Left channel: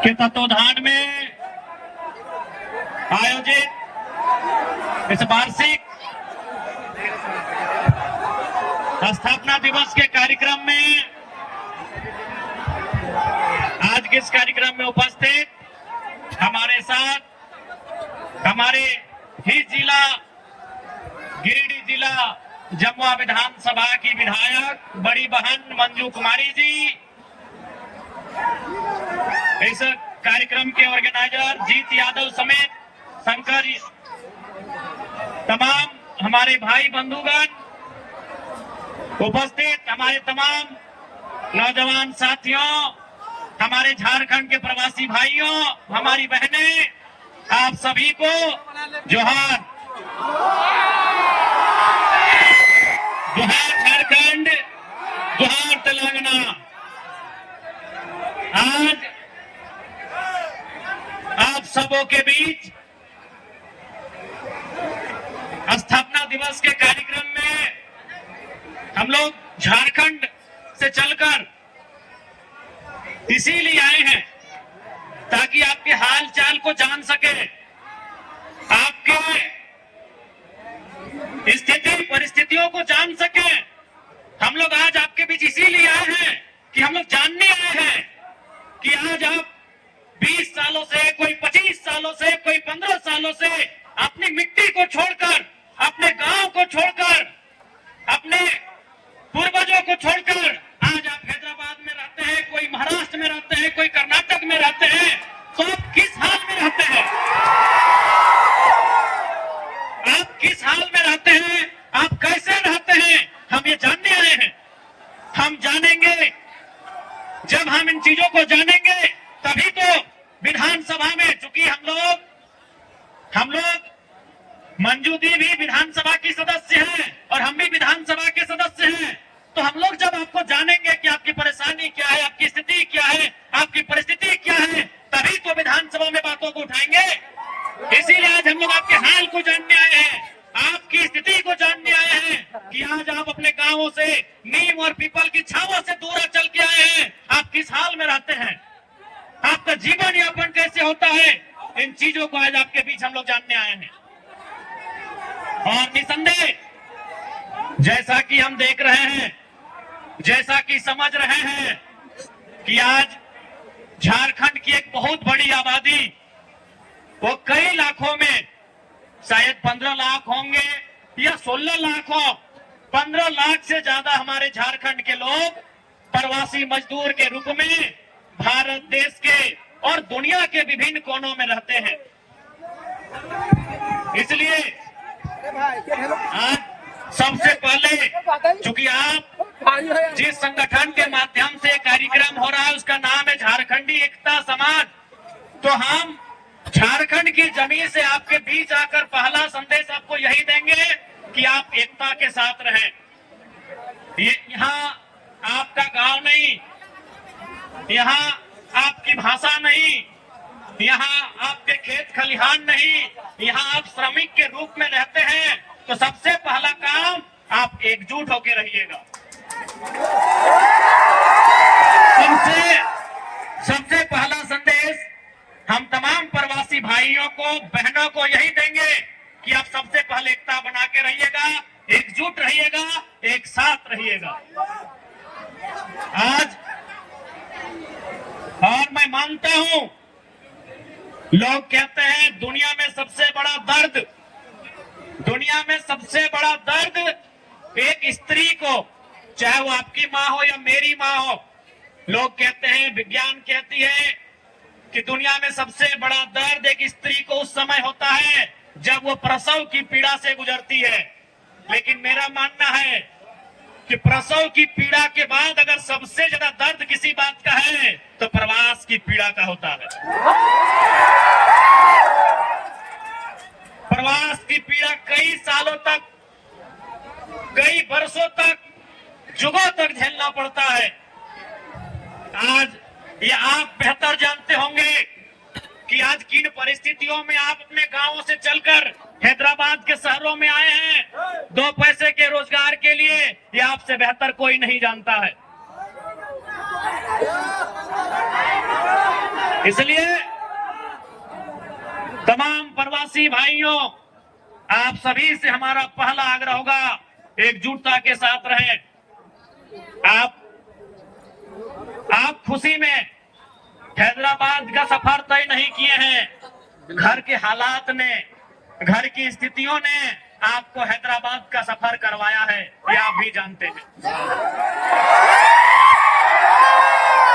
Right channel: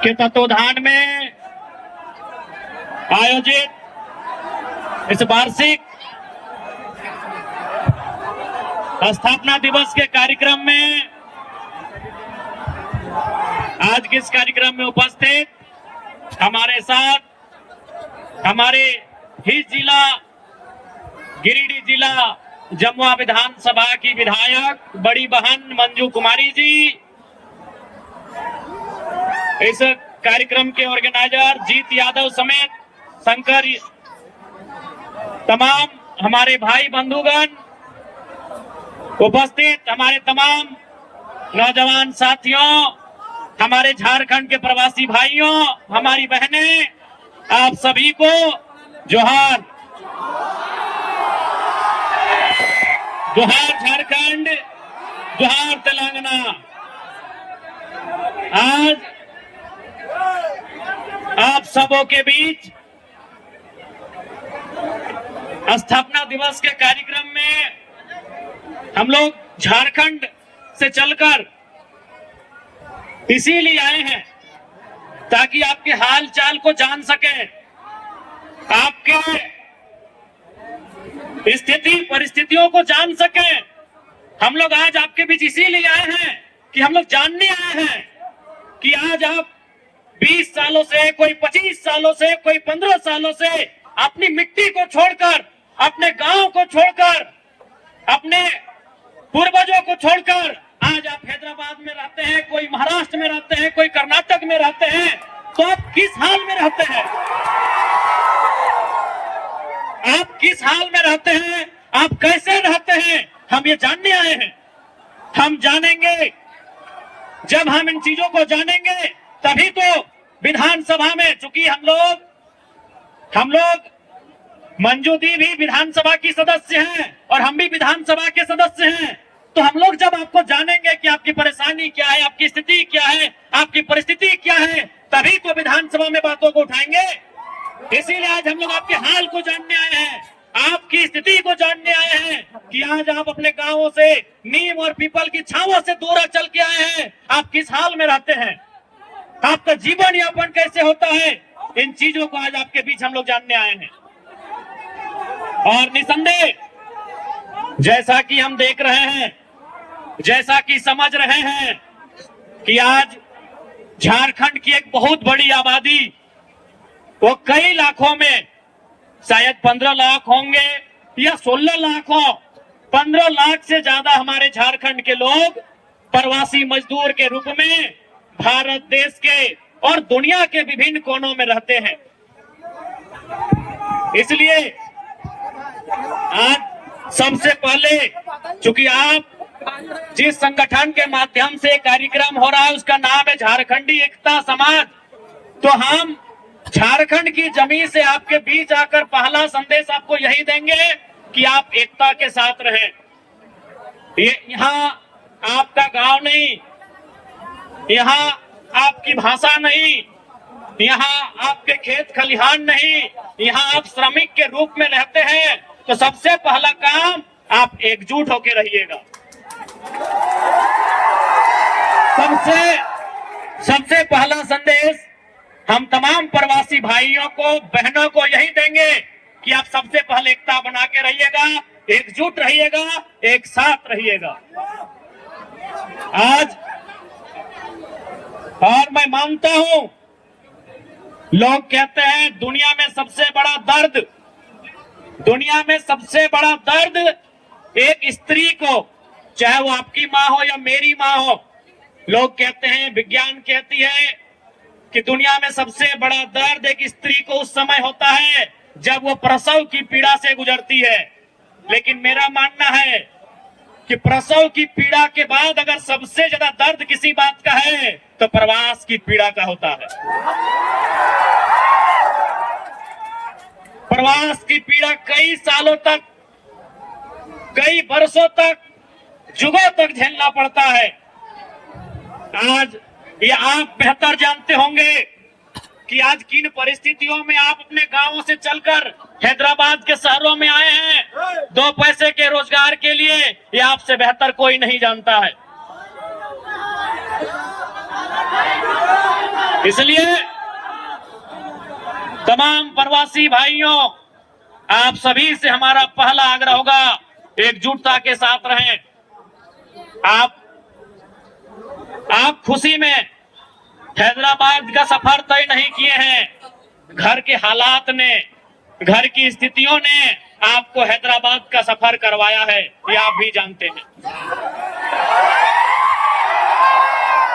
के तत्वाधान में आयोजित इस वार्षिक स्थापना दिवस के कार्यक्रम में आज के इस कार्यक्रम में उपस्थित हमारे साथ हमारे ही जिला गिरिडीह जिला जमुआ विधानसभा की विधायक बड़ी बहन मंजू कुमारी जी, इस कार्यक्रम के ऑर्गेनाइजर जीत यादव समेत शंकर, तमाम हमारे भाई बंधुगण, उपस्थित हमारे तमाम नौजवान साथियों, हमारे झारखंड के प्रवासी भाइयों, हमारी बहनें, आप सभी को जोहार। जोहार झारखंड, जोहार तेलंगाना। आज आप सबों के बीच स्थापना दिवस के कार्यक्रम में हम लोग झारखंड से चलकर इसीलिए आए हैं ताकि आपके हाल चाल को जान सके, आपके स्थिति परिस्थितियों को जान सके। हम लोग आज आपके बीच इसीलिए आए हैं कि हम लोग जानने आए हैं कि आज आप 20 सालों से, कोई 25 सालों से, कोई 15 सालों से अपनी मिट्टी को छोड़कर, अपने गांव को छोड़कर, अपने पूर्वजों को छोड़कर आज आप हैदराबाद में रहते हैं, कोई महाराष्ट्र में रहते हैं, कोई कर्नाटक में रहते हैं, तो आप किस हाल में रहते हैं? आप किस हाल में रहते हैं? आप कैसे रहते हैं? हम ये जानने आए हैं। हम जानेंगे, जब हम इन चीजों को जानेंगे तभी तो विधानसभा में, चूंकि हम लोग मंजू दी भी विधानसभा की सदस्य हैं और हम भी विधानसभा के सदस्य हैं, तो हम लोग जब आपको जानेंगे कि आपकी परेशानी क्या है, आपकी स्थिति क्या है, आपकी परिस्थिति क्या है, तभी तो विधानसभा में बातों को उठाएंगे। इसीलिए आज हम लोग आपके हाल को जानने आए हैं, आपकी स्थिति को जानने आए हैं कि आज आप अपने गांवों से, नीम और पीपल की छावों से दूर चल के आए हैं। आप किस हाल में रहते हैं, आपका जीवन यापन कैसे होता है, इन चीजों को आज आपके बीच हम लोग जानने आए हैं। और निसंदेह जैसा कि हम देख रहे हैं, जैसा कि समझ रहे हैं कि आज झारखंड की एक बहुत बड़ी आबादी, वो कई लाखों में, शायद 15 लाख होंगे या 16 लाख हो, 15 लाख से ज्यादा हमारे झारखंड के लोग प्रवासी मजदूर के रूप में भारत देश के और दुनिया के विभिन्न कोनों में रहते हैं। इसलिए आज सबसे पहले, चूंकि आप जिस संगठन के माध्यम से कार्यक्रम हो रहा है उसका नाम है झारखंडी एकता समाज, तो हम झारखंड की जमीन से आपके बीच आकर पहला संदेश आपको यही देंगे कि आप एकता के साथ रहें। ये यहाँ आपका गांव नहीं, यहाँ आपकी भाषा नहीं, यहाँ आपके खेत खलिहान नहीं, यहाँ आप श्रमिक के रूप में रहते हैं। तो सबसे पहला काम, आप एकजुट होकर रहिएगा। सबसे पहला संदेश हम तमाम प्रवासी भाइयों को, बहनों को यही देंगे कि आप सबसे पहले एकता बना के रहिएगा, एकजुट रहिएगा, एक साथ रहिएगा। आज और मैं मानता हूं, लोग कहते हैं दुनिया में सबसे बड़ा दर्द एक स्त्री को, चाहे वो आपकी माँ हो या मेरी माँ हो, लोग कहते हैं, विज्ञान कहती है कि दुनिया में सबसे बड़ा दर्द एक स्त्री को उस समय होता है जब वो प्रसव की पीड़ा से गुजरती है। लेकिन मेरा मानना है कि प्रसव की पीड़ा के बाद अगर सबसे ज्यादा दर्द किसी बात का है तो प्रवास की पीड़ा का होता है। प्रवास की पीड़ा कई सालों तक, कई वर्षों तक, जुगों तक झेलना पड़ता है। आज ये आप बेहतर जानते होंगे कि आज किन परिस्थितियों में आप अपने गांवों से चलकर हैदराबाद के शहरों में आए हैं 2 पैसे के रोजगार के लिए। ये आपसे बेहतर कोई नहीं जानता है। इसलिए तमाम प्रवासी भाइयों, आप सभी से हमारा पहला आग्रह होगा, एकजुटता के साथ रहें। आप खुशी में हैदराबाद का सफर तय नहीं किए हैं। घर के हालात ने, घर की स्थितियों ने आपको हैदराबाद का सफर करवाया है, ये आप भी जानते हैं।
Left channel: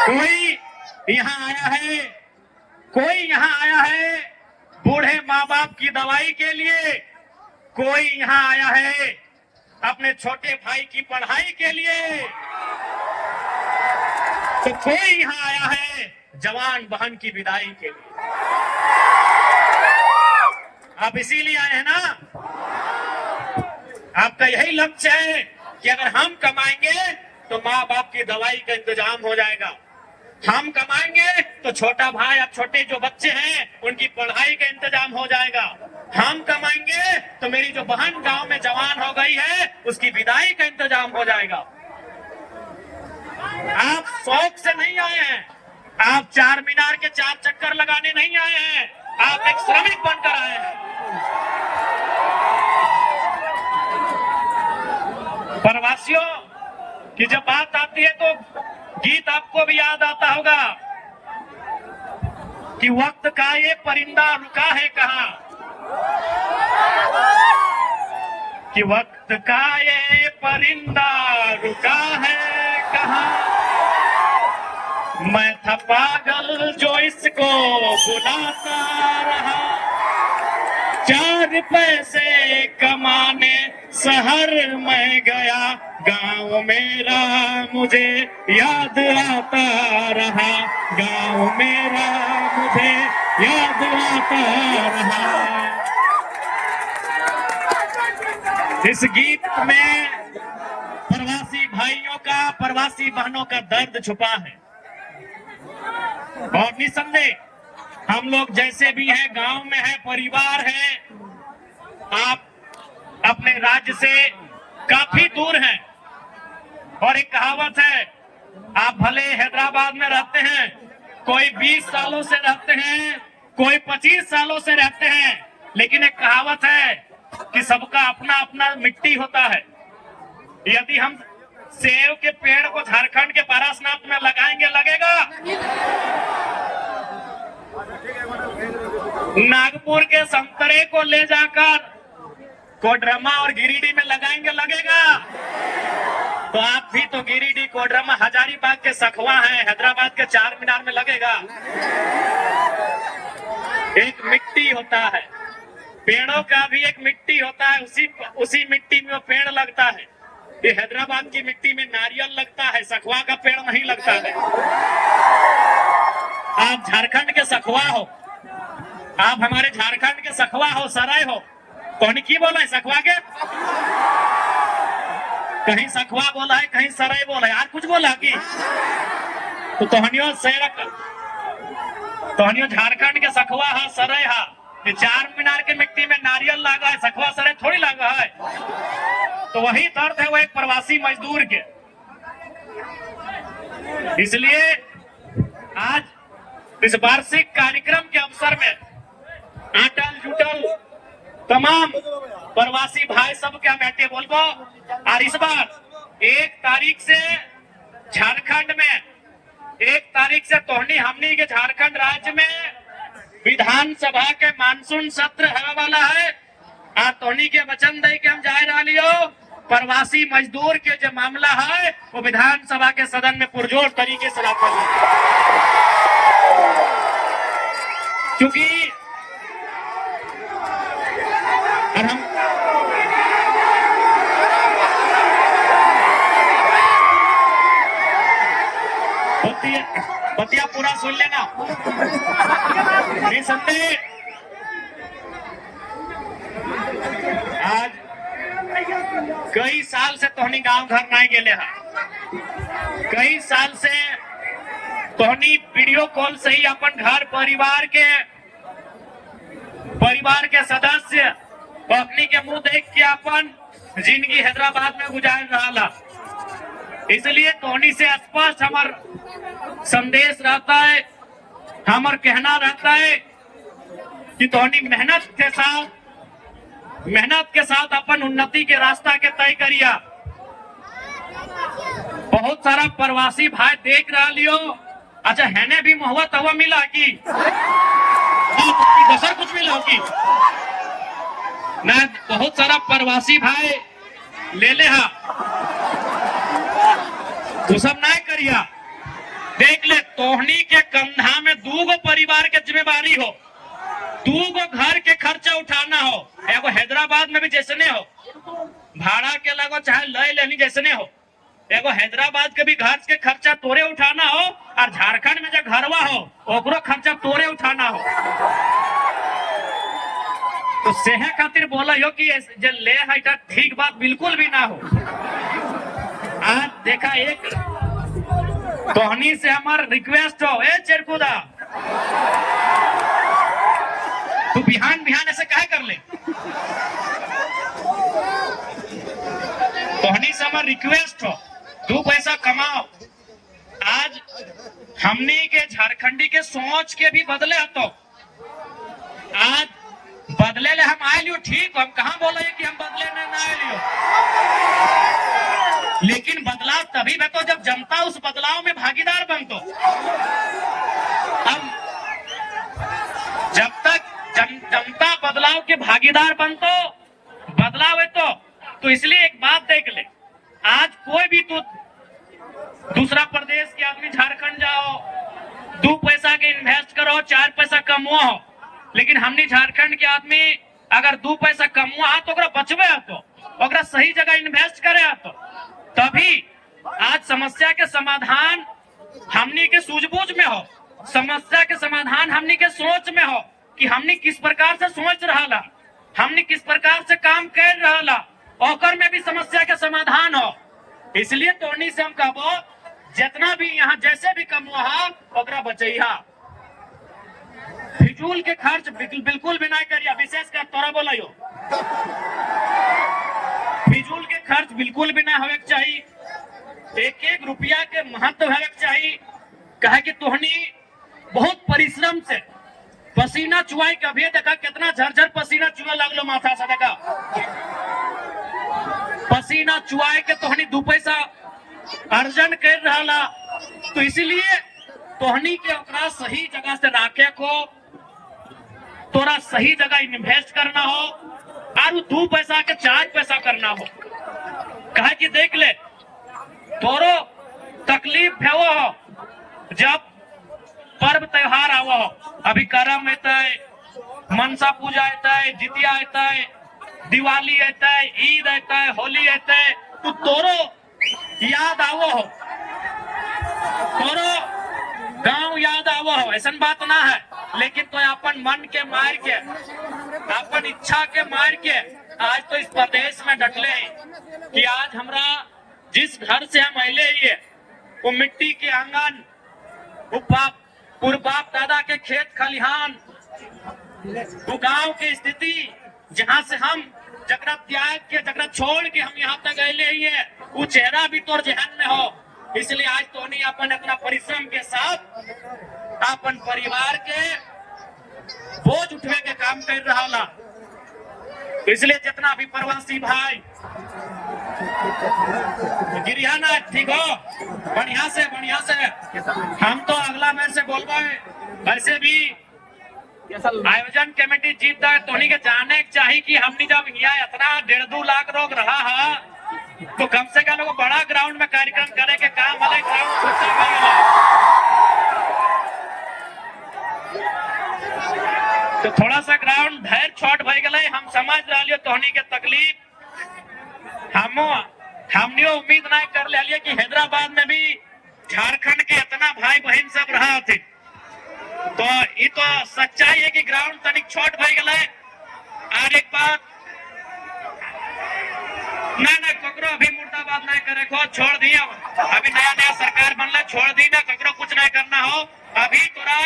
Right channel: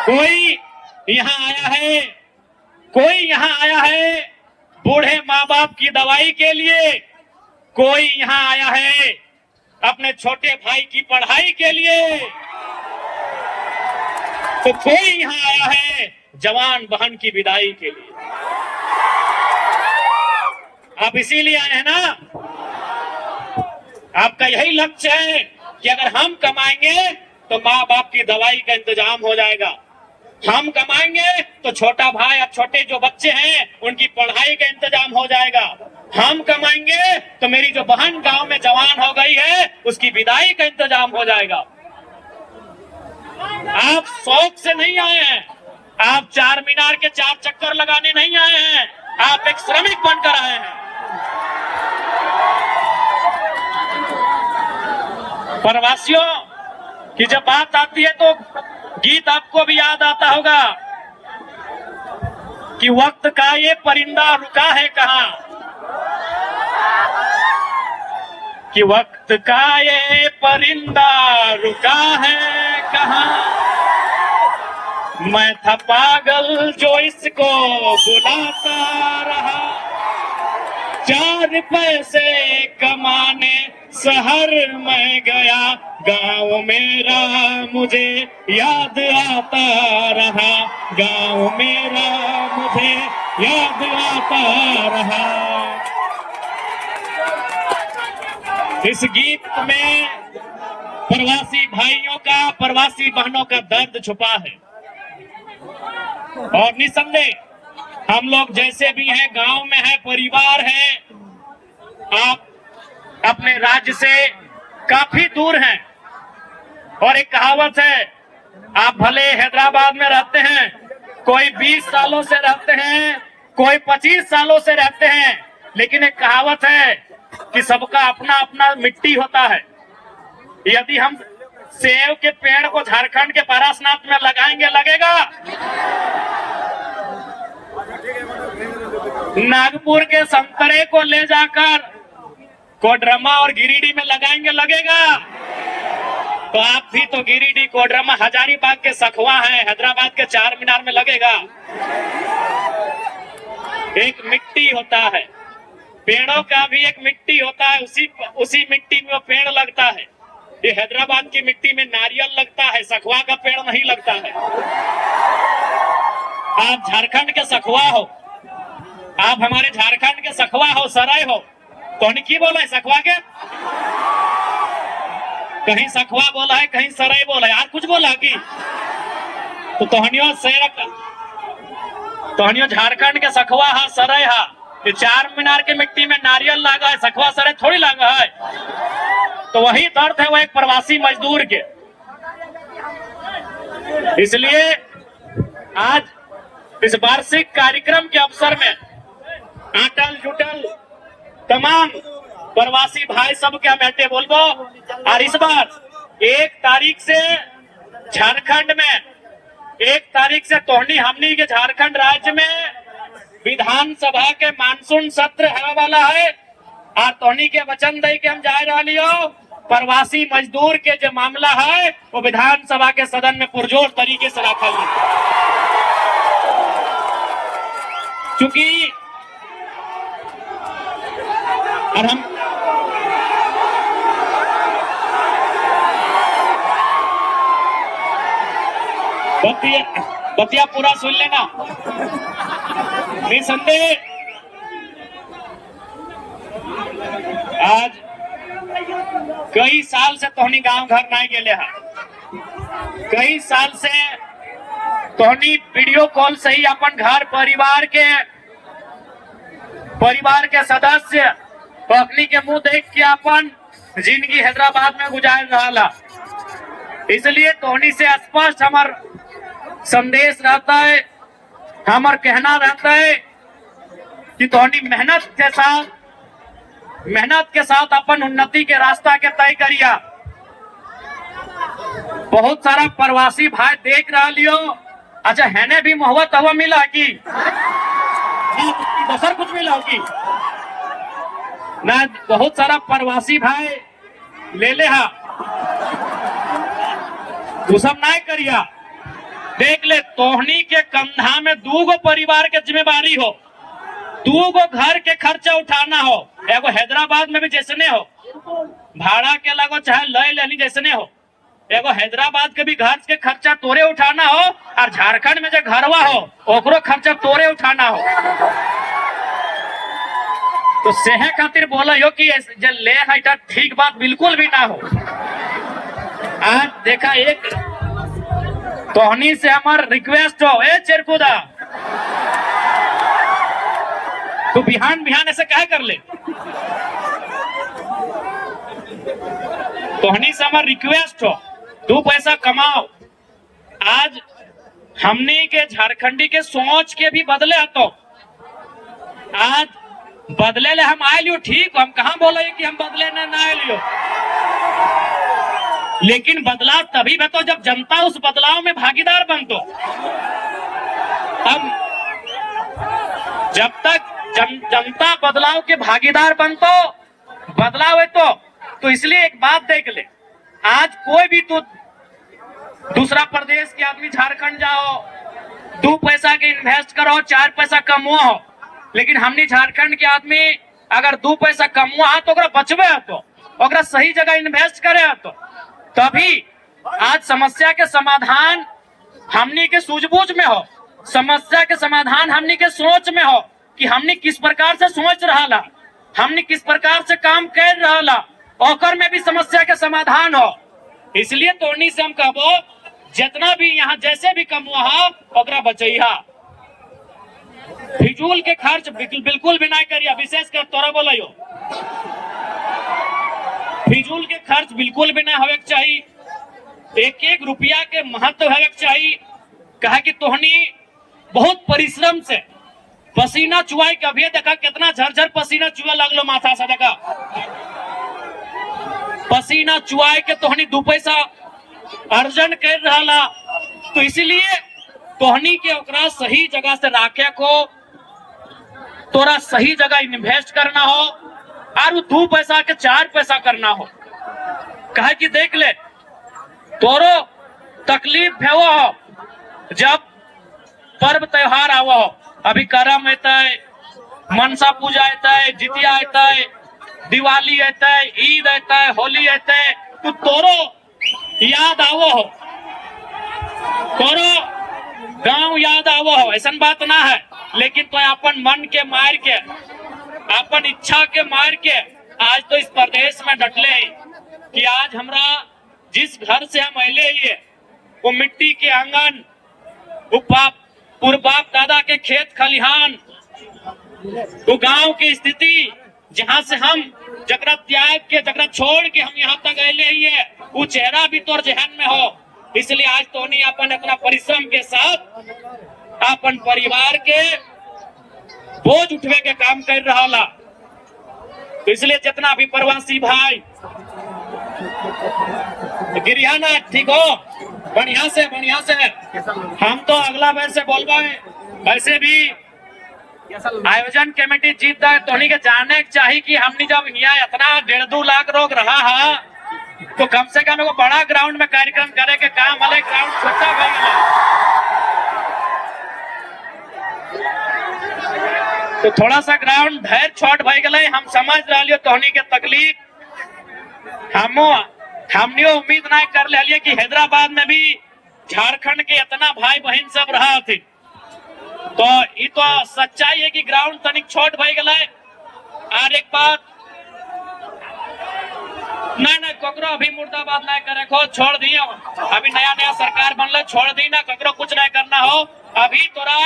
कोई यहाँ आया है बूढ़े माँ बाप की दवाई के लिए, कोई यहाँ आया है अपने छोटे भाई की पढ़ाई के लिए, तो कोई यहाँ आया है जवान बहन की विदाई के लिए। आप इसीलिए आए हैं ना? आपका यही लक्ष्य है कि अगर हम कमाएंगे तो माँ बाप की दवाई का इंतजाम हो जाएगा, हम कमाएंगे तो छोटा भाई और छोटे जो बच्चे हैं उनकी पढ़ाई का इंतजाम हो जाएगा, हम कमाएंगे तो मेरी जो बहन गांव में जवान हो गई है उसकी विदाई का इंतजाम हो जाएगा। आप शौक से नहीं आए हैं, आप चार मीनार के 4 चक्कर लगाने नहीं आए हैं, आप एक श्रमिक बनकर आए हैं। प्रवासियों की जब बात आती है तो गीत आपको भी याद आता होगा कि वक्त का ये परिंदा रुका है कहाँ, कि वक्त का ये परिंदा रुका है कहाँ, मैं था पागल जो इसको बुलाता रहा, 4 पैसे कमाने शहर में गया, गांव मेरा मुझे याद आता रहा, गांव मेरा मुझे याद आता रहा। इस गीत में प्रवासी भाइयों का, प्रवासी बहनों का दर्द छुपा है। और निसंदेह हम लोग जैसे भी हैं, गांव में है, परिवार है, आप अपने राज्य से काफी दूर हैं। और एक कहावत है, आप भले हैदराबाद में रहते हैं, कोई 20 सालों से रहते हैं, कोई 25 सालों से रहते हैं, लेकिन एक कहावत है कि सबका अपना अपना मिट्टी होता है। यदि हम सेब के पेड़ को झारखंड के पारसनाथ में लगाएंगे, लगेगा? नागपुर के संतरे को ले जाकर कोडरमा और गिरिडीह में लगाएंगे, लगेगा? तो आप भी तो गिरिडीह, कोडरमा, हजारीबाग के सखवा हैं, हैदराबाद के 4 मीनार में लगेगा? एक मिट्टी होता है, पेड़ों का भी एक मिट्टी होता है, उसी मिट्टी में वो पेड़ लगता है। ये हैदराबाद की मिट्टी में नारियल लगता है, सखवा का पेड़ नहीं लगता है। आप झारखंड के सखवा हो, आप हमारे झारखंड के सखवा हो, सराय हो, कौन की बोला है सखवा के? कहीं सखवा बोला है, कहीं सराय बोला है, यार कुछ बोला कि तो तोहनियो झारखंड के सखवा है, सराय है। ये 4 मीनार के मिट्टी में नारियल लगा है, सखवा सराय थोड़ी लगा है। तो वही दर्द है वो एक प्रवासी मजदूर के। इसलिए आज इस वार्षिक कार्यक्रम के अवसर में अटल जुटल तमाम प्रवासी भाई सब क्या बैठे बोलबो। और इस बार 1 तारीख से झारखंड में, 1 तारीख से तोहनी हमनी के झारखंड राज्य में विधानसभा के मानसून सत्र होने वाला है। और तोहनी के वचन दे के हम जा रही हो, प्रवासी मजदूर के जो मामला है वो विधानसभा के सदन में पुरजोर तरीके से रखा हुआ, क्योंकि और हम बतिया पूरा सुन लेना। निसंदेह आज कई साल से तोहनी गांव घर नहीं गेले हैं, कई साल से तोहनी वीडियो कॉल से ही अपन घर परिवार के सदस्य अपनी के मुंह देख के अपन जिंदगी हैदराबाद में गुजार रहा। इसलिए तोहनी से स्पष्ट हमार संदेश रहता है हमार कहना रहता है कि तोहनी मेहनत के साथ अपन उन्नति के रास्ता के तय करिया। बहुत सारा प्रवासी भाई देख रहा लियो। अच्छा हैने भी मोहब्बत हवा मिला कि दसर कुछ मिला होगी ना। बहुत सारा प्रवासी भाई ले ले हा तू सब नहीं करिया। देख ले तोहनी के कंधा में 2 परिवार के जिम्मेवारी हो, 2 घर के खर्चा उठाना हो। एगो हैदराबाद में भी जैसने हो भाड़ा के लगो चाहे लय लेनी जैसने हो, एगो हैदराबाद के भी घर के खर्चा तोरे उठाना हो और झारखंड में जो घरवा हो ओकरो खर्चा तोरे उठाना हो। तो सेहे खातिर बोला हो कि जे ले है ठीक बात बिल्कुल भी ना हो। आज देखा एक तोहनी से हमार रिक्वेस्ट हो, ए चेरकुदा तू बिहान ऐसे क्या कर ले। तोहनी से हमार रिक्वेस्ट हो 2 पैसा कमाओ। आज हमने के झारखंडी के सोच के भी बदले तो आज बदले ले हम आए लियो ठीक। हम कहाँ बोले कि हम बदले ना आए लियो, लेकिन बदलाव तभी बतो जब जनता उस बदलाव में भागीदार बनतो। हम जब तक जनता बदलाव के भागीदार बनतो बदलाव है तो इसलिए एक बात देख ले, आज कोई भी तू दूसरा प्रदेश के आदमी झारखंड जाओ 2 पैसा के इन्वेस्ट करो 4 पैसा कमवाओ, लेकिन हमने झारखंड के आदमी अगर 2 पैसा कमवा तो बचबे तो ओकरा सही जगह इन्वेस्ट करे तो तभी आज समस्या के समाधान हमनी के सूझबूझ में हो, समस्या के समाधान हमनी के सोच में हो कि हमनी किस प्रकार से सोच रहा, हमनी किस प्रकार से काम कर रहा, ओकर में भी समस्या के समाधान हो। इसलिए तोनी से हम कहबो जितना भी यहाँ जैसे भी कमवा ओकरा बचैहा, फिजूल के खर्च बिल्कुल भी नहीं करिया। विशेष कर तोरा बोलो फिजूल के खर्च बिल्कुल भी नहीं होवे चाहिए। 1 रुपया के महत्व होवे चाहिए। कहा कि तोहनी बहुत परिश्रम से पसीना चुआई के अभी देखा कितना झरझर पसीना चुआ लगलो माथा से देखा पसीना चुआई के तोहनी 2 पैसा अर्जन कर रहा। तो इसलिए तोहनी के ओकरा सही जगह से राखे को तोरा सही जगह इन्वेस्ट करना हो और 2 पैसा के 4 पैसा करना हो। कहा कि देख ले तोरो तकलीफ हो जब पर्व त्योहार आवा हो, अभी करम आता है, मनसा पूजा आता है, जितिया आता है, दिवाली आता है, ईद आता है, होली आता है, तो तोरो याद आवो हो, तोरो गांव याद आवो हो। ऐसा बात ना है, लेकिन तो अपन मन के मार के अपन इच्छा के मार के आज तो इस प्रदेश में डटले हैं कि आज हमरा जिस घर से हम अले ही वो मिट्टी के आंगन, वो बाप दादा के खेत खलिहान, वो गांव की स्थिति जहां से हम जगरा त्याग के जगरा छोड़ के हम यहाँ तक अले ही है, वो चेहरा भी तोर जहन में हो। इसलिए आज तो नहीं अपन अपना परिश्रम के साथ अपन परिवार के बोझ उठवे के काम कर रहा ला। इसलिए जितना भी प्रवासी भाई गिरियाना ठीक हो, बढ़िया से हम तो अगला बार से बोलबा वैसे भी आयोजन कमेटी जीत तो के जाने चाहिए कि हमने जब यहाँ इतना 1.5-2 लाख लोग रहा है तो कम से कम एक बड़ा ग्राउंड में कार्यक्रम करे के काम वाले ग्राउंड छोटा तो थोड़ा सा ग्राउंड ढेर छोट भय गए। हम समझ रहा तोहनी के तकलीफ हमने उम्मीद नहीं कर लिया कि हैदराबाद में भी झारखंड के इतना भाई बहन सब रहा थे। तो ये तो सच्चाई है कि ग्राउंड तनिक छोट भय गए। और एक बात ना ककरो अभी मुर्दाबाद नहीं करे को छोड़ दिया, अभी नया सरकार बनले छोड़ दी ना, ककरो कुछ नहीं करना हो। अभी तोरा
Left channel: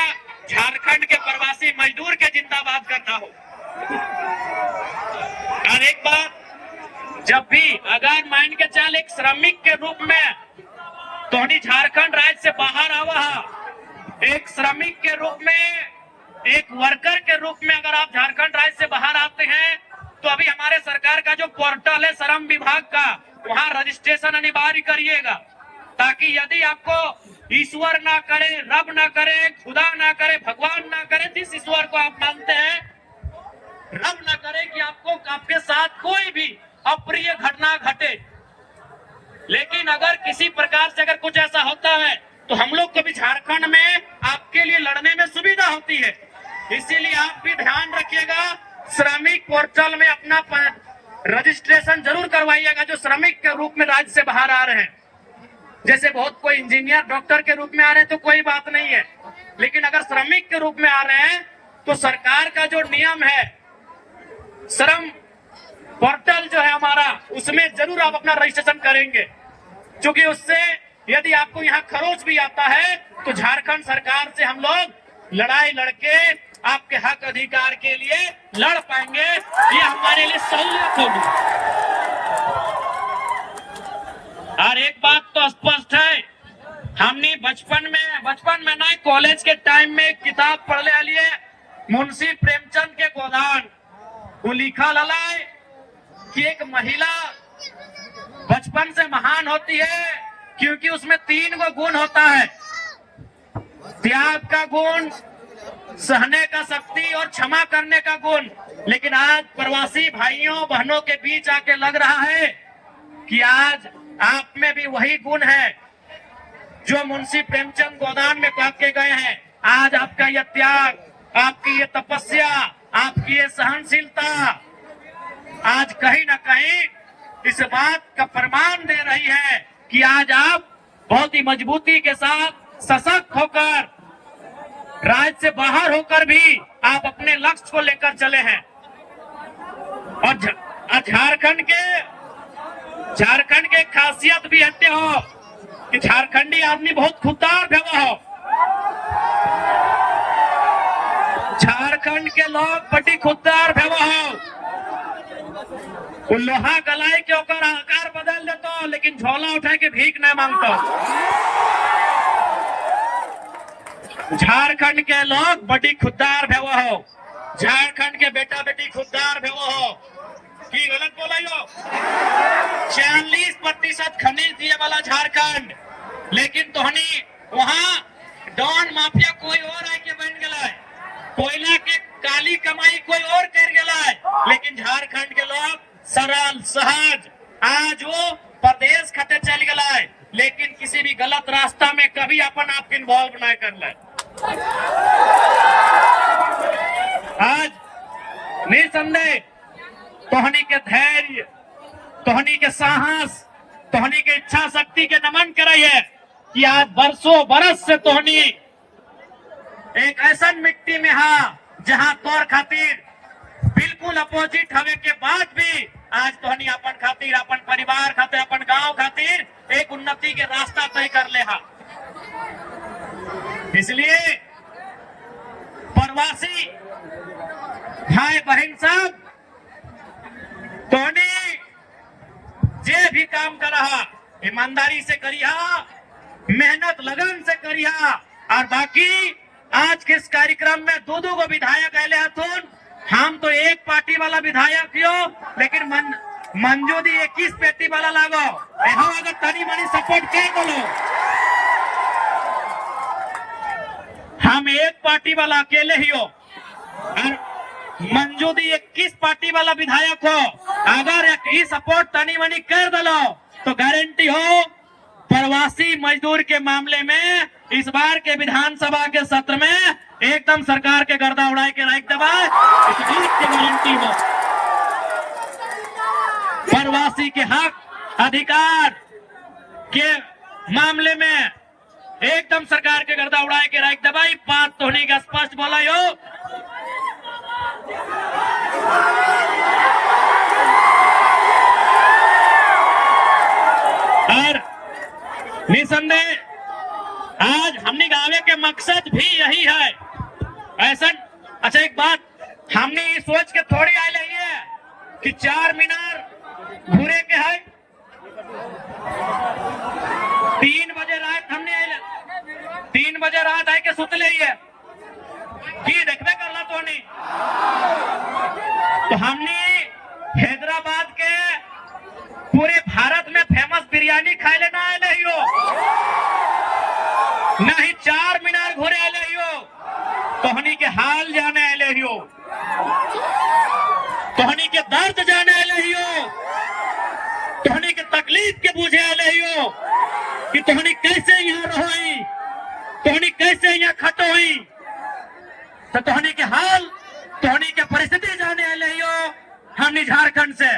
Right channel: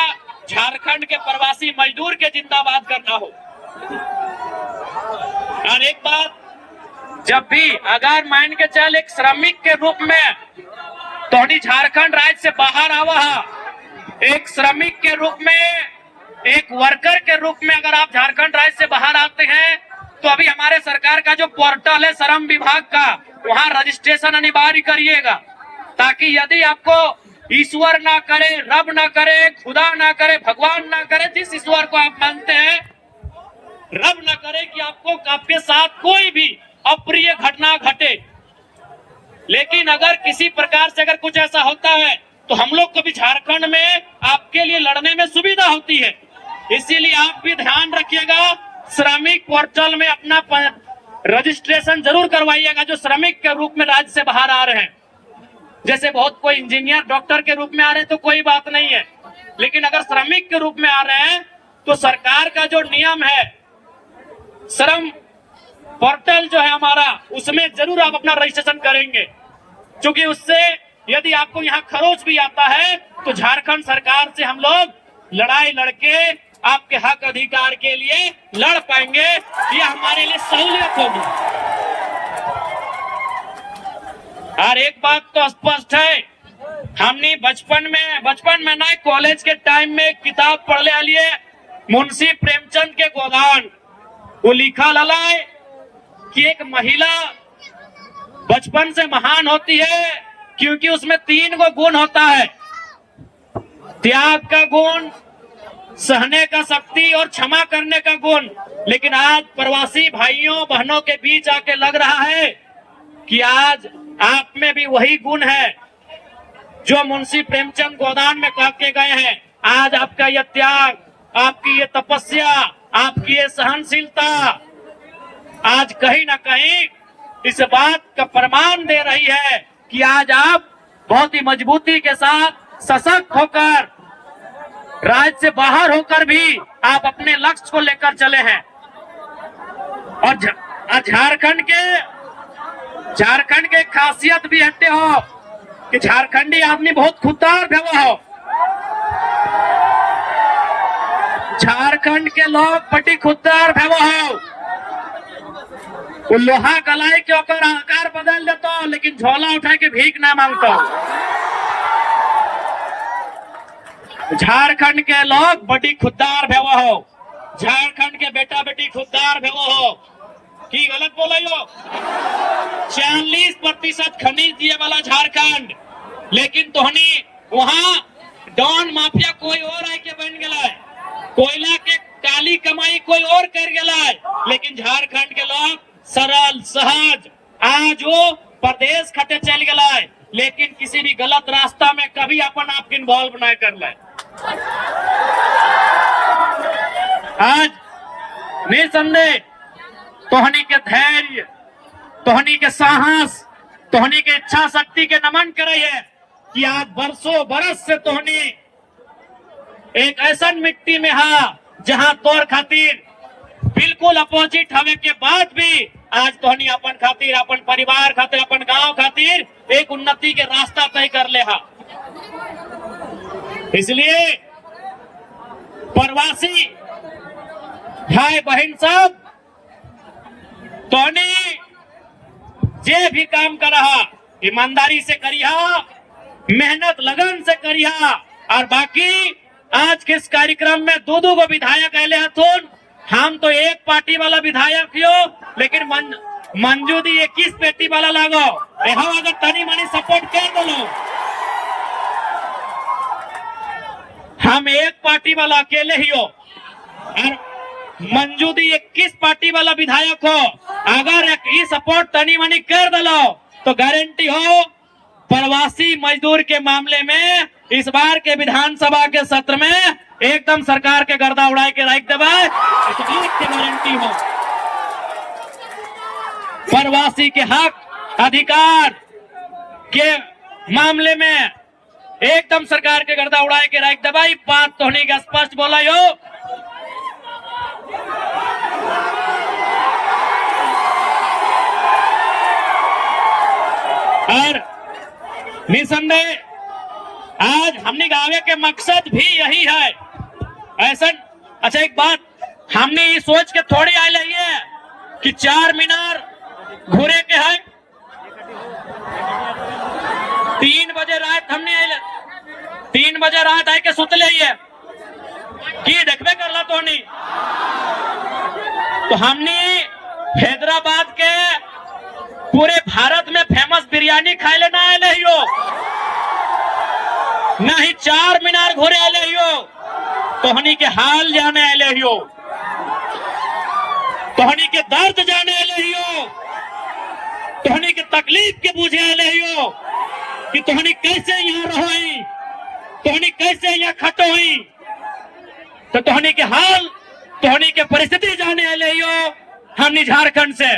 झारखंड के प्रवासी मजदूर के जिंदाबाद करना हो। और एक बात, जब भी अगर मान के चल एक श्रमिक के रूप में तोहनी झारखंड राज्य से बाहर आवा है एक श्रमिक के रूप में, एक वर्कर के रूप में अगर आप झारखंड राज्य से बाहर आते हैं तो अभी हमारे सरकार का जो पोर्टल है श्रम विभाग का, वहां रजिस्ट्रेशन अनिवार्य करिएगा, ताकि यदि आपको ईश्वर ना करे, रब ना करे, खुदा ना करे, भगवान ना करे, जिस ईश्वर को आप मानते हैं, रब ना करे कि आपके साथ कोई भी अप्रिय घटना घटे। लेकिन अगर किसी प्रकार से अगर कुछ ऐसा होता है तो हम लोग को भी झारखंड में आपके लिए लड़ने में सुविधा होती है। इसीलिए आप भी ध्यान रखिएगा, श्रमिक पोर्टल में अपना रजिस्ट्रेशन जरूर करवाइएगा जो श्रमिक के रूप में राज्य से बाहर आ रहे हैं। जैसे बहुत कोई इंजीनियर, डॉक्टर के रूप में आ रहे हैं तो कोई बात नहीं है, लेकिन अगर श्रमिक के रूप में आ रहे हैं तो सरकार का जो नियम है, श्रम पोर्टल जो है हमारा, उसमें जरूर आप अपना रजिस्ट्रेशन करेंगे, क्योंकि उससे यदि आपको यहाँ खरोच भी आता है तो झारखंड सरकार से हम लोग लड़ाई लड़के आपके हक अधिकार के लिए लड़ पाएंगे। ये हमारे लिए सहूलियत होगी। और एक बात तो स्पष्ट है, हमने बचपन में ना कॉलेज के टाइम में किताब पढ़ ले लिए मुंशी प्रेमचंद के गोदान, वो लिखा लला है कि एक महिला बचपन से महान होती है क्योंकि उसमें 3 गुण होता है, त्याग का गुण, सहने का शक्ति और क्षमा करने का गुण। लेकिन आज प्रवासी भाइयों बहनों के बीच आके लग रहा है कि आज आप में भी वही गुण है जो मुंशी प्रेमचंद गोदान में कह के गए हैं। आज आपका यह त्याग, आपकी ये तपस्या, आपकी ये सहनशीलता आज कहीं ना कहीं इस बात का प्रमाण दे रही है कि आज आप बहुत ही मजबूती के साथ सशक्त होकर, राज्य से बाहर होकर भी आप अपने लक्ष्य को लेकर चले हैं। और झारखंड के खासियत भी हटते हो कि झारखंडी आदमी बहुत खुददार भेवा हो। झारखंड के लोग बड़ी खुददार भेवा हो, लोहा कलाई के होकर आकार बदल देता हो, लेकिन झोला उठा के भीख ना मांगता। झारखंड के लोग बड़ी खुददार भेवा हो, झारखंड के बेटा बेटी खुददार भेवा हो। की गलत बोला यो? 40% खनिज दिए वाला झारखंड, लेकिन तोहनी वहाँ डॉन माफिया कोई और आके बन गया, कोयला के काली कमाई कोई और कर गया, लेकिन झारखंड के लोग सरल सहज आज वो प्रदेश खते चल गया, लेकिन किसी भी गलत रास्ता में कभी अपन आप इन्वॉल्व न कर ले। आज निसंदेह तोहनी के धैर्य, तोहनी के साहस, तोहनी के इच्छा शक्ति के नमन कराइए कि आज बरसों बरस से तोहनी एक ऐसा मिट्टी में हा जहां तोर खातिर बिल्कुल अपोजिट हवे के बाद भी आज तोहनी अपन खातिर, अपन परिवार खातिर, अपन गांव खातिर एक उन्नति के रास्ता तय कर ले हा। इसलिए प्रवासी भाई बहन सब, तोहनी जे भी काम कर रहा ईमानदारी से करिहा, मेहनत लगन से करिहा। और बाकी आज के इस कार्यक्रम में 2 गो विधायक आए हथुन, हम तो एक पार्टी वाला विधायक हो, लेकिन मंजू दी 21 पेटी वाला लागो, यहाँ अगर तनी मनी सपोर्ट कर बोलो। हम एक पार्टी वाला अकेले ही हो और मंजू दी 21 पार्टी वाला विधायक हो, अगर ये सपोर्ट तनी मनी कर दलो तो गारंटी हो प्रवासी मजदूर के मामले में इस बार के विधानसभा के सत्र में एकदम सरकार के गर्दा उड़ाए के रख देवा, इस बात की गारंटी हो। प्रवासी के हक अधिकार के मामले में एकदम सरकार के गर्दा उड़ाए के रख देवा, ये बात तो नहीं स्पष्ट बोला हो। और निसंदेह आज हमने गावे के मकसद भी यही है। ऐसा अच्छा एक बात हमने सोच के थोड़ी आए है कि 4 मीनार घूरे के है, 3 बजे रात हमने 3 बजे रात आए के सुतले ही की देखबे करला तो हमने हैदराबाद के पूरे भारत में फेमस बिरयानी खाए लेना आए हो, ना ही 4 मीनार घोरे आए हो, तोहनी के हाल जाने आए हो, तोहनी के दर्द जाने आए हो, तोहनी के तकलीफ के बुझे आए हो कि तोहनी कैसे यहाँ रहो, तोहनी कैसे यहाँ खटो ही, तो तोहनी के हाल, तोहनी के परिस्थिति जाने आए हो हमने झारखंड से,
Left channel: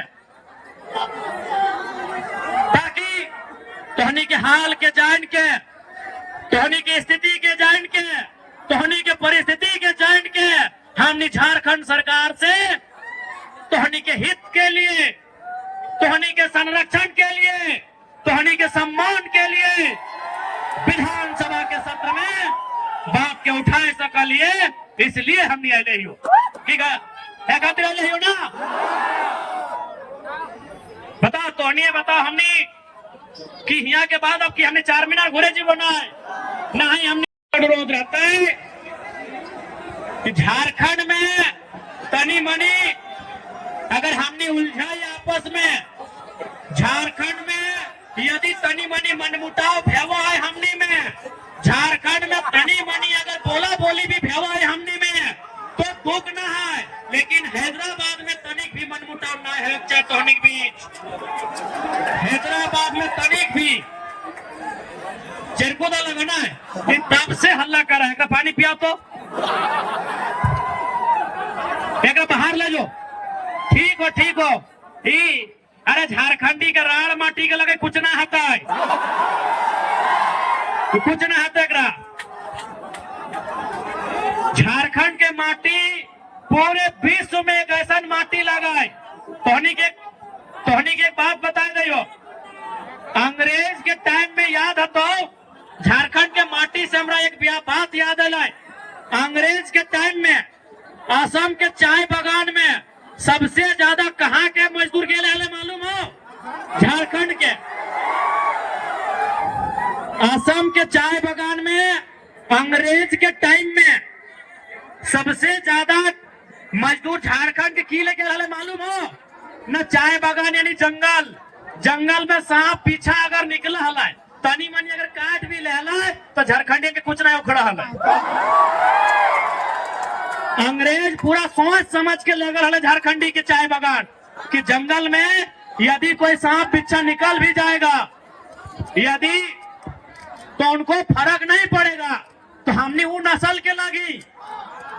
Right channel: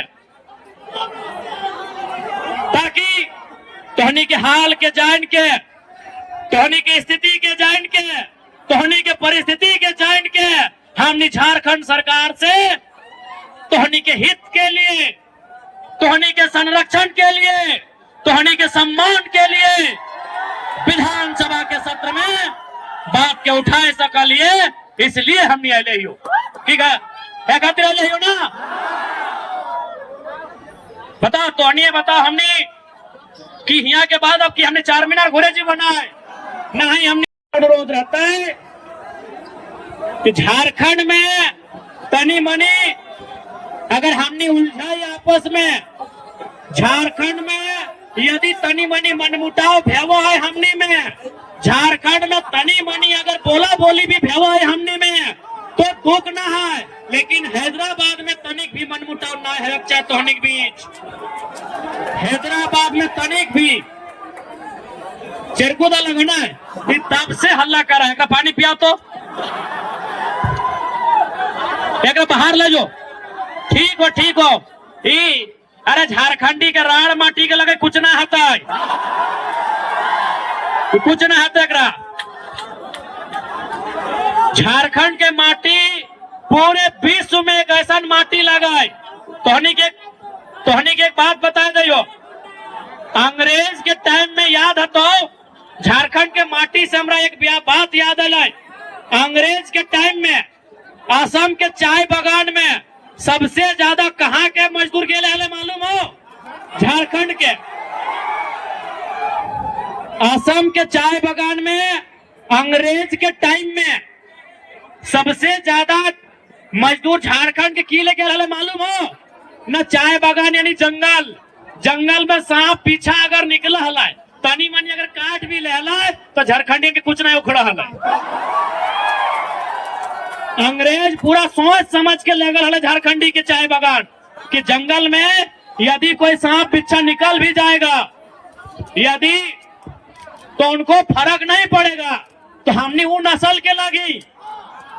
ताकि तोहनी के हाल के जान के, तोहनी के स्थिति के जान के, तोहनी के परिस्थिति के जान के हमने झारखंड सरकार से तोहनी के हित के लिए, तोहनी के संरक्षण के लिए, तोहनी के सम्मान के लिए विधानसभा के सत्र में बात के उठाए सकलिए, इसलिए हमने आए हो। ठीक है, क्या कहते हो ना? बताओ तोहनी बताओ हमने कि यहाँ के बाद अब कि हमने 4 मीनार घोड़े जी बनाए नहीं, हमने अनुरोध रहता है कि झारखंड में तनी मनी अगर हमने उलझाई आपस में, झारखंड में यदि तनी मनी मनमुटाव भेवो है हमने में, झारखंड में तनी मनी अगर बोला बोली भी भेवो है हमने में तो दुख ना है, लेकिन हैदराबाद में तनिक भी मनमुटाव ना है चाहे तोहनी के बीच, हैदराबाद में तनिक भी चिरकुदा लगना है, तब से हल्ला कर रहा है का पानी पिया तो क्या बाहर ले जाओ, ठीक हो अरे झारखंडी के राड़ माटी के लगे कुछ ना हता है, कुछ ना हता करा, झारखंड के माटी पूरे विश्व में एक ऐसा माटी लगाए, तोहनी के एक बात बता दो, अंग्रेज के टाइम में याद है तो झारखंड के माटी से हमरा एक बात याद है, अंग्रेज के टाइम में असम के चाय बागान में सबसे ज्यादा कहाँ के मजदूर के लिए मालूम हो? झारखंड के, असम के चाय बागान में अंग्रेज के टाइम में सबसे ज्यादा मजदूर झारखंड के की लेके रहे मालूम हो? न चाय बागान यानी जंगल में सांप पीछा अगर निकला हला तनी मनी अगर काट भी ले तो झारखंडी के कुछ नहीं उखड़ा हला, अंग्रेज पूरा सोच समझ के लगा हला झारखंडी के चाय बागान कि जंगल में यदि कोई सांप पीछा निकल भी जाएगा यदि तो उनको फर्क नहीं पड़ेगा, तो हमने वो नस्ल के लगी,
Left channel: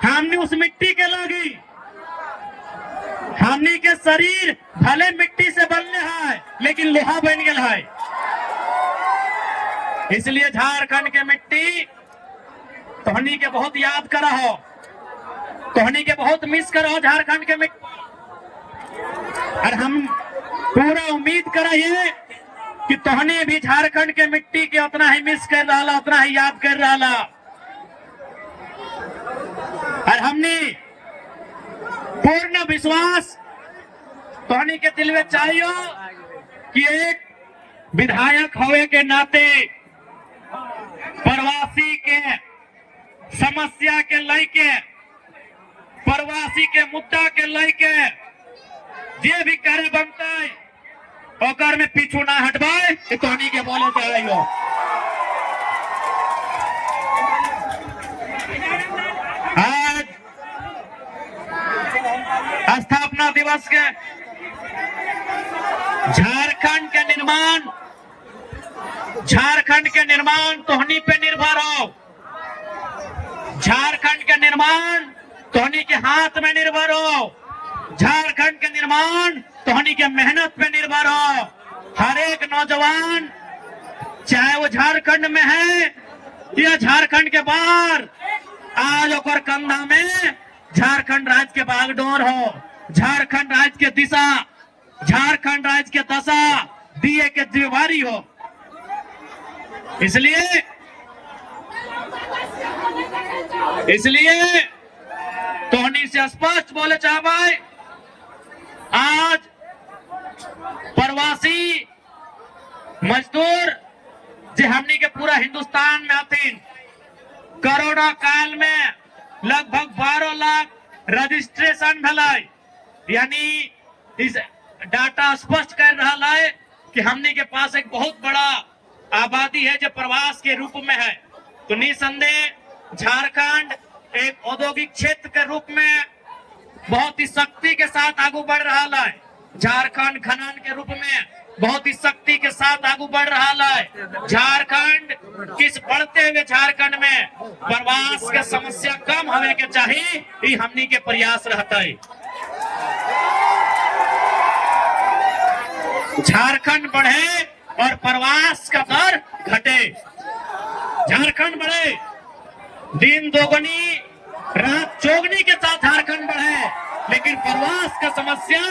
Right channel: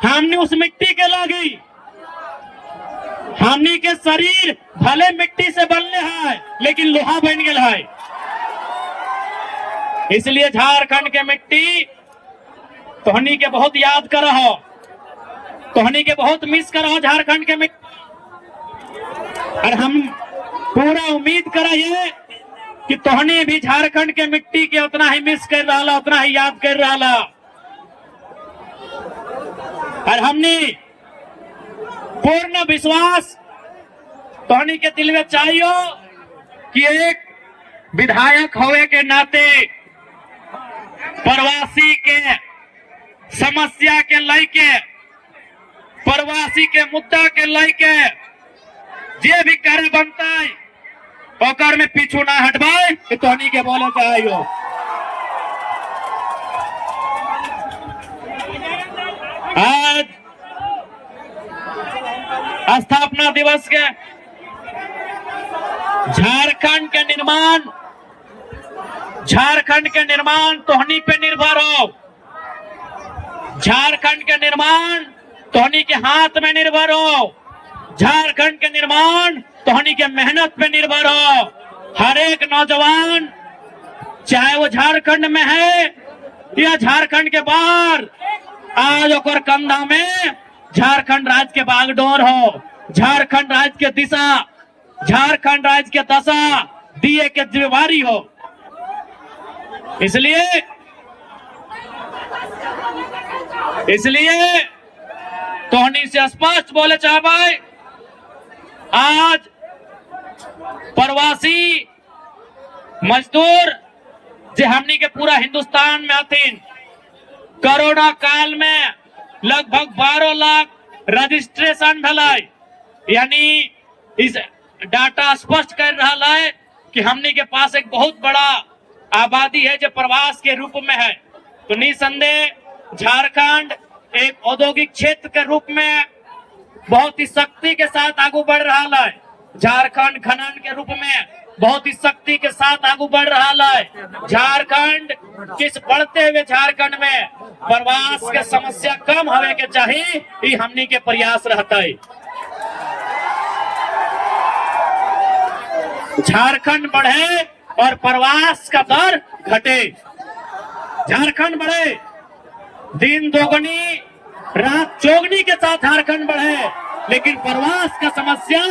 हमने उस मिट्टी के लगी, हमने के शरीर भले मिट्टी से बनले है लेकिन लोहा बन गया है, इसलिए झारखंड के मिट्टी तोहनी के बहुत याद करा हो, तोहनी के बहुत मिस करा हो झारखंड के मिट्टी, और हम पूरा उम्मीद कराइए कि तोहनी भी झारखंड के मिट्टी के उतना ही मिस कर रहा, उतना ही याद कर रहा, और हमने पूर्ण विश्वास तोहनी के दिल में चाहिए कि एक विधायक होवे के नाते प्रवासी के समस्या के लेके, प्रवासी के मुद्दा के लेके जे भी कार्य बनता है ओकर में पीछू ना हटवाए कि तोहनी के बोले चाहिए। आज स्थापना दिवस के झारखंड के निर्माण तोहनी पे निर्भर हो, झारखंड के निर्माण तोहनी के हाथ में निर्भर हो, झारखंड के निर्माण तोहनी के मेहनत पे निर्भर हो। हर एक नौजवान चाहे वो झारखंड में है या झारखंड के बाहर, आज ओकर कंधा में झारखंड राज्य के बागडोर हो, झारखंड राज्य के दिशा, झारखंड राज्य के दशा दिए के जिम्मेवारी हो। इसलिए तोहनी से स्पष्ट बोले चाहे, आज प्रवासी मजदूर जो हमनी के पूरा हिंदुस्तान में आतीन, कोरोना काल में लगभग 12 लाख रजिस्ट्रेशन भलाई, यानी इस डाटा स्पष्ट कर रहा है कि हमने के पास एक बहुत बड़ा आबादी है जो प्रवास के रूप में है। तो निसंदेह झारखंड एक औद्योगिक क्षेत्र के रूप में बहुत ही शक्ति के साथ आगे बढ़ रहा है। झारखंड खनन के रूप में बहुत ही शक्ति के साथ आगे बढ़ रहा है। झारखंड किस बढ़ते हुए झारखंड में प्रवास के समस्या कम होने के चाहिए, ये हमने के प्रयास रहता है। झारखंड बढ़े और प्रवास का दर घटे। झारखंड बढ़े, दिन दोगुनी रात चौगुनी के साथ झारखंड बढ़े, लेकिन प्रवास का समस्या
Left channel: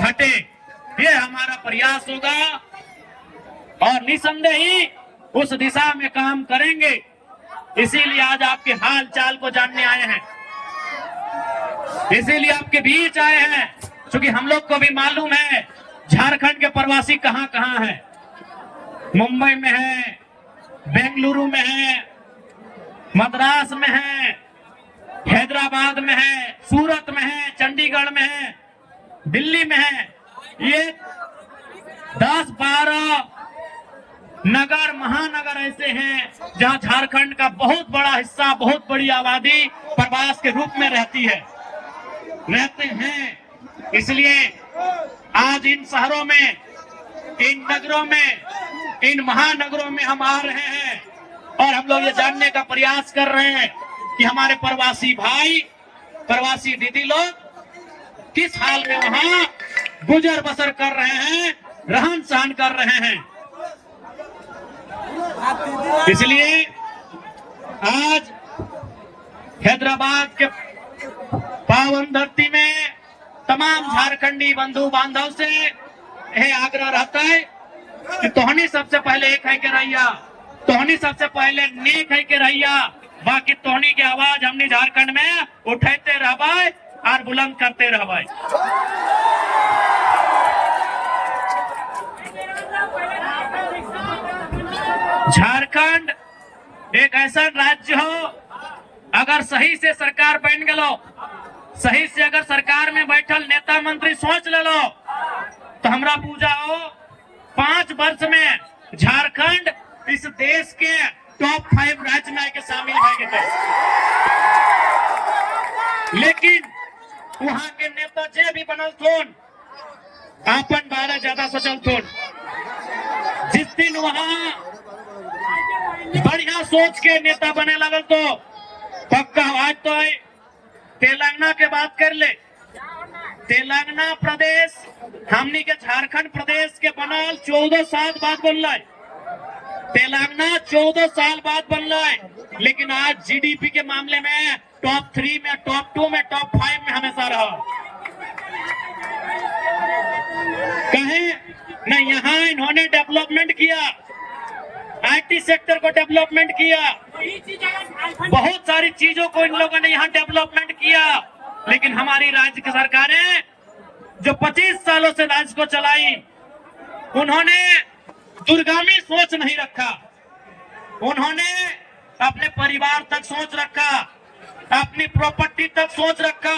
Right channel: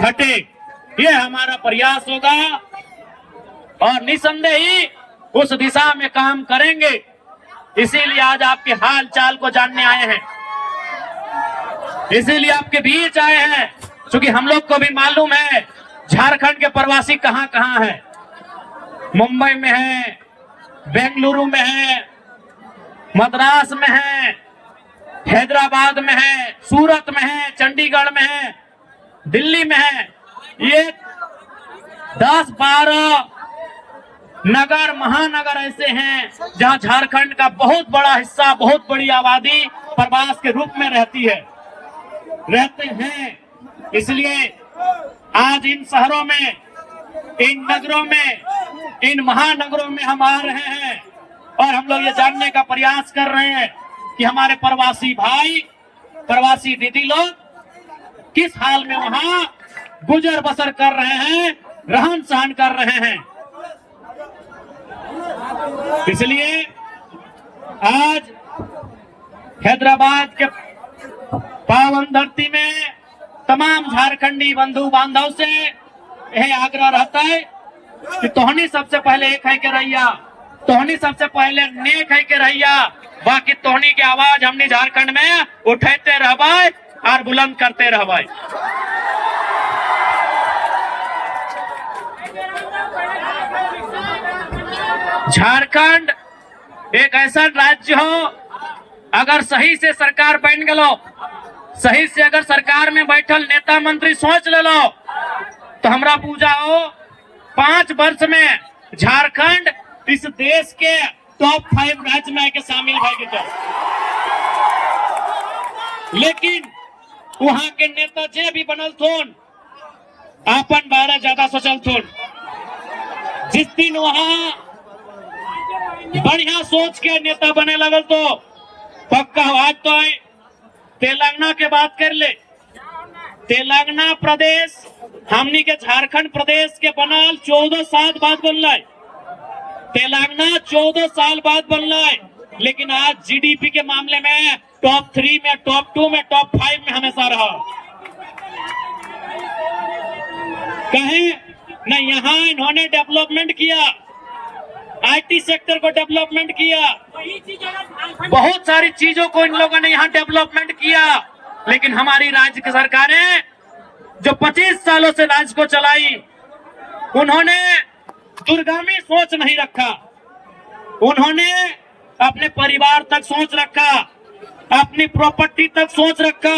घटे, ये हमारा प्रयास होगा और निसंदेह ही उस दिशा में काम करेंगे। इसीलिए आज आपके हाल चाल को जानने आए हैं, इसीलिए आपके बीच आए हैं, क्योंकि हम लोग को भी मालूम है झारखंड के प्रवासी कहां कहां हैं। मुंबई में है, बेंगलुरु में है, मद्रास में है, हैदराबाद में है, सूरत में है, चंडीगढ़ में है, दिल्ली में है। ये 10-12 नगर महानगर ऐसे हैं जहां झारखंड का बहुत बड़ा हिस्सा, बहुत बड़ी आबादी प्रवास के रूप में रहते हैं। इसलिए आज इन शहरों में, इन नगरों में, इन महानगरों में हम आ रहे हैं और हम लोग ये जानने का प्रयास कर रहे हैं कि हमारे प्रवासी भाई, प्रवासी दीदी लोग किस हाल में वहां गुजर बसर कर रहे हैं, रहन सहन कर रहे हैं। इसलिए आज हैदराबाद के पावन धरती में तमाम झारखंडी बंधु बांधव से यह आग्रह रहता है कि तोहनी सबसे पहले एक है के रहिया, तोहनी सबसे पहले नेक है के रहिया, बाकी तोहनी की आवाज हमने झारखंड में उठाते रहबाई और बुलंद करते रहबाई। झारखंड एक ऐसा राज्य हो, अगर सही से सरकार बन गलो, सही से अगर सरकार में बैठल नेता मंत्री सोच ले लो, तो हमरा पूजा हो 5 वर्ष में झारखंड इस देश के टॉप 5 राज्य में आके शामिल है। लेकिन वहां के नेता जे भी बनल थोन, अपन बारा ज्यादा सोचल थोन। जिस दिन वहां बढ़िया सोच के नेता बने लगल तो पक्का आज तो तेलंगाना के बात कर ले। तेलंगाना प्रदेश हमनी के झारखंड प्रदेश के बनल 14 साल बाद बनल। तेलंगाना 14 साल बाद बनल, लेकिन आज जीडीपी के मामले में टॉप 3 में, टॉप 2 में, टॉप 5 में हमेशा रहा। कहीं न यहाँ इन्होंने डेवलपमेंट किया, आईटी सेक्टर को डेवलपमेंट किया, बहुत सारी चीजों को इन लोगों ने यहाँ डेवलपमेंट किया। लेकिन हमारी राज्य की सरकारें जो 25 सालों से राज्य को चलाई, उन्होंने दूरगामी सोच नहीं रखा। उन्होंने अपने परिवार तक सोच रखा, अपनी प्रॉपर्टी तक सोच रखा,